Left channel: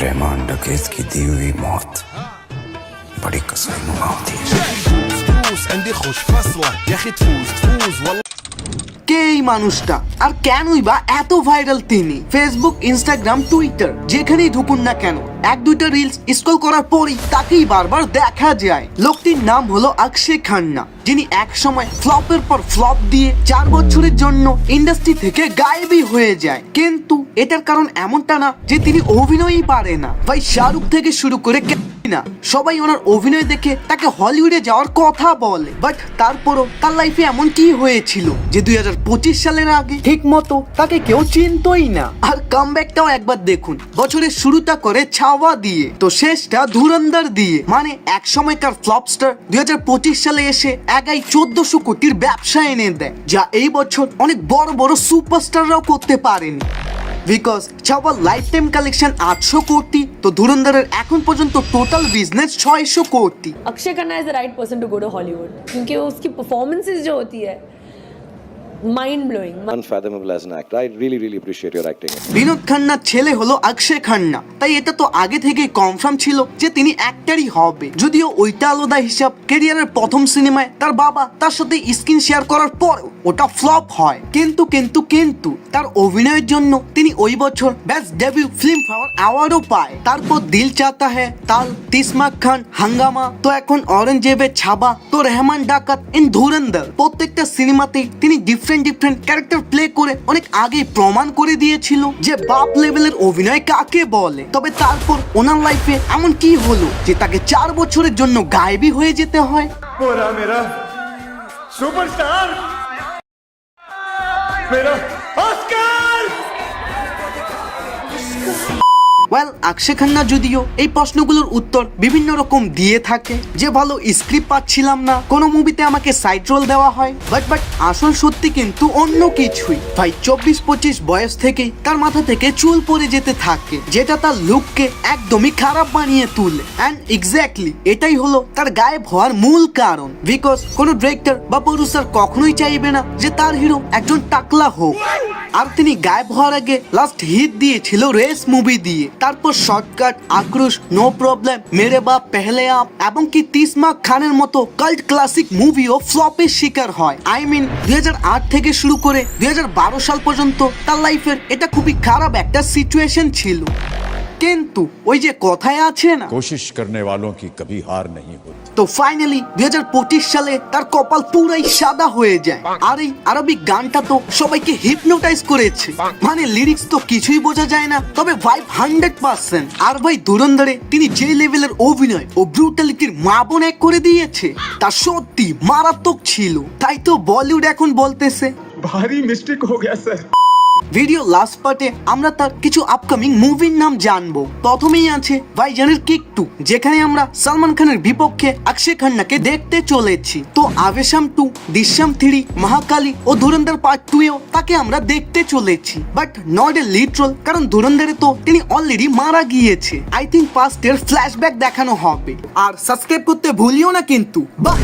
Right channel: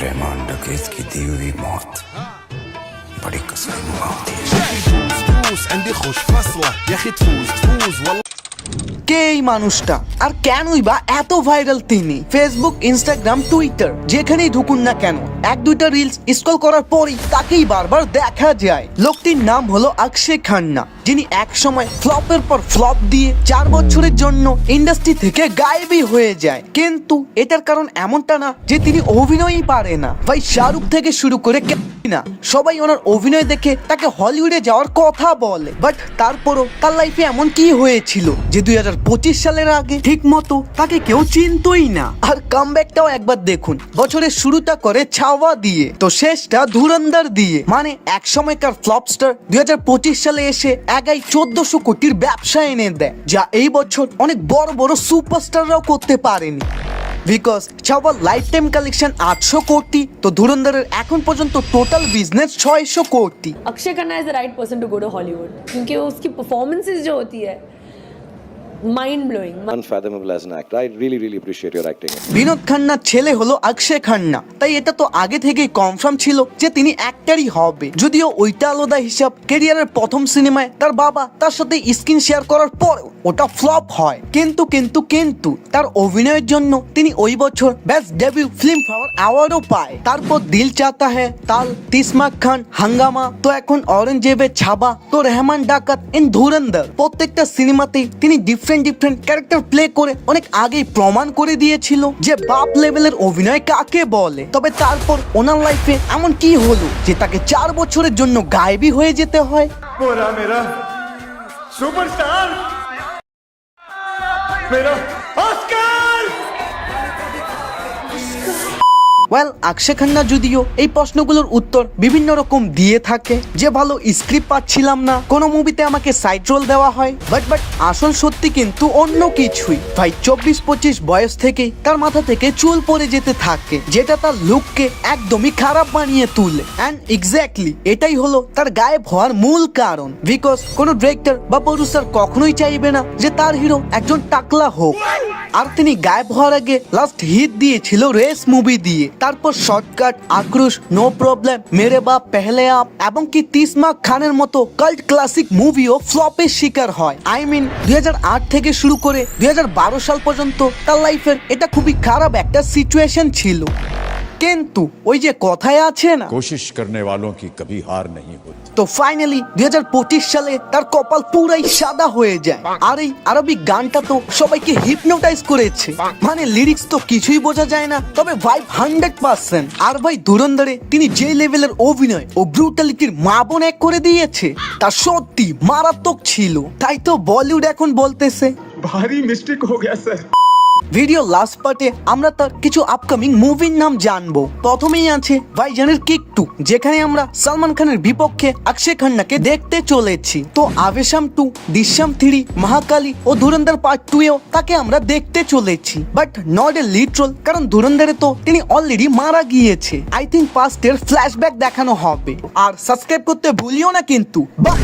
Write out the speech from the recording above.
रहमान डकैत की दी हुई मौत बड़ी कसाई नुमा होती है। تفوز عندي خوش فصلة يا اخي تفوز والله। কে এই মানুষটা আর কেনই বা এত ভাইরাল তিনি? ফেসবুক, ইনস্টাগ্রাম, টুইটার যেখানেই ঢুকুন না কেন এক দুইটা রিলস স্ক্রল করার পরই তাকেই বারবার দেখা যায়। লোকটির নাম হলো অক্ষয় খান্না, যিনি এক সময় ফ্লপের পর ফ্লপ দিয়ে 4 বছরের জন্য ইন্ডাস্ট্রি থেকে গায়েবই হয়ে যায়। কিন্তু এটার কারণ এমনটা না যে তিনি অভিনয়ই পারে না। ভাই শাহরুখ থেকে শুরু করে না সবাই ওনার অভিনয় দেখে তাকে হলিউডে যাওয়ার কথা বলে, বাট তারপরও তার লাইফে এমন কি হয়েছিল যে 2025 সালের আগে ঠিক মতো তাকে কেউ চিনতই না। আর কামব্যাকটাও একবার দেখুন, বছরের শুরুটা করে ছাওয়া দিয়ে তো শেষটা ধুরন্ধর দিয়ে। মানে এক সময়কার ফ্লপস্টার 2025 সালে এসে একাই 1400 কোটির ব্যবসা এনে দেয়, যা এই বছর অনেক বড় বড় সুপারস্টাররাও করতে পারেনি। বিকজ ছাওয়ার লাইফ টাইম কালেকশন 800 কোটি, তো ধুরন্ধরের এখন পর্যন্ত টোটাল বিজনেস 600 कोटी। Akshay Khanna is the right person to go to Hollywood क्योंकि उसकी परफॉर्मेंसेस जो होती है mind blowing, unfathomable as an actor. I really appreciate your acting. Vinod খান্নার ছেলে হলো অক্ষয় খান্না, তাই এটা তো আগে থেকেই কনফার্ম ছিল যে তিনি অ্যাক্টরই হবে। যদিও ওইটা আলাদা হিসাব, ক্যারিয়ারের প্রথম সিনেমায় তার বাবা তার সাথে স্ক্রিন শেয়ার করার পর ওটা ফ্লপ হয়। কিন্তু তার অভিনয়ের জন্য তিনি ওই বছর বেস্ট ডেবিউ ফিল্ম ফেয়ার অ্যাওয়ার্ডও পায়। তারপর দিল চাহতা হ্যায়, তাল, তিসমাক খান, হাঙ্গামা, তো এখন অরেঞ্জেবে ছাবা, তো রহমান ডাকাত এন্ড ধুরন্ধর, প্রত্যেকটা সিনেমাতেই তিনি ডিফারেন্ট ক্যারেক্টার প্লে করে অনেক আগেই প্রমাণ করে দিয়েছিল যে বাপ লেভেলের অভিনয় কাকে বলে। তবে তারপর ওনার লাইফে এমন কি হলো যে তাকে 4 বছরের জন্য গায়েবী হয়ে যেতে হয়? मेरा सुपरस्टार मेरा ऑस्कर। ওয়েল, অক্ষয় খান্না যদিও এই প্রশ্নগুলোর উত্তর বিভিন্ন রকম দিয়ে থাকে, যে ভালো স্ক্রিপ্ট পাচ্ছিলাম না, কোন মুভিতে আমাকে সাইড রোল দেওয়া হয়, বাট আসল সত্যি কিন্তু অন্য কিছুই। ভাই 24-25 বয়স থেকেই তার মাথা থেকে চুল পড়ে যেতে থাকে, যেটা তার লুককে একদমই খারাপ বানিয়ে তুলে। এন্ড এক্স্যাক্টলি এটাই হলো তার গায়েব হওয়ার মূল কারণ। বিকজ কোন ডিরেক্টর বা প্রডিউসার কখনোই চাইবে না যে তার হিরো একজন টাকলা হোক। আর তিনি গায়েব হওয়ার আগে লাস্ট হিট দিয়েছিল রেস মুভি দিয়ে, তারপর শর্টকাট, আক্রোশ, নো প্রবলেম, মেরে বাপ পেহলে আপ এবং কি তিসমাক খানের মতো কাল্ট ক্লাসিক মুভিও ফ্লপের শিকার হয়। আই মিন 2008 থেকে শুরু করে 2012 সাল পর্যন্ত তার লাইফের এটা খুবই খারাপ একটা সিচুয়েশন ছিল। কিন্তু ওই যে কথায় আছে না, कोशिश करने वालों की कभी हार नहीं होती। তো ফাইনালি 2025 সালে তার কপাল পুরাই সাদা হয়ে যায়। আর এই আরবি গানটা তো সবাইকে হিপনোটাইজ করেছে, মানে লিরিক্স তো কিছুই বোঝা যায় না, তবে ভাইব 100%। আর ভাই ধুরন্ধরে তিনি যে লেভেলের অভিনয় ও ব্রুটালিটির মাপন এক করে দিয়েছে তা সত্যি মারাত্মক ছিল। তাই তো বলিউড এখন বলতেছে भारी मिस्टेक हो गया सर। ভিডিও লাস্ট পার্টে আমরা তার কিছু আপকামিং মুভির নাম জানবো। প্রথমেই আছে ভাইজানের কিক 2, যেখানে আমরা সালমান খানের বিপক্ষে অক্ষয় খান্নাকে দেখতে চলেছি। তো আভেশাম 2, দৃশ্যম 3, মহাকালী ও ধুরন্ধর পার্ট 2 এও তাকে আমরা দেখতে চলেছি, but not a lead role, কারণ ধুরন্ধরে তো তিনি অলরেডি মারা গিয়েছে। আই থিঙ্ক পাস্টের ফ্ল্যাশব্যাক দেখানো হবে। আর সাবস্ক্রাইব করতে ভুলিও না কিন্তু। বাই।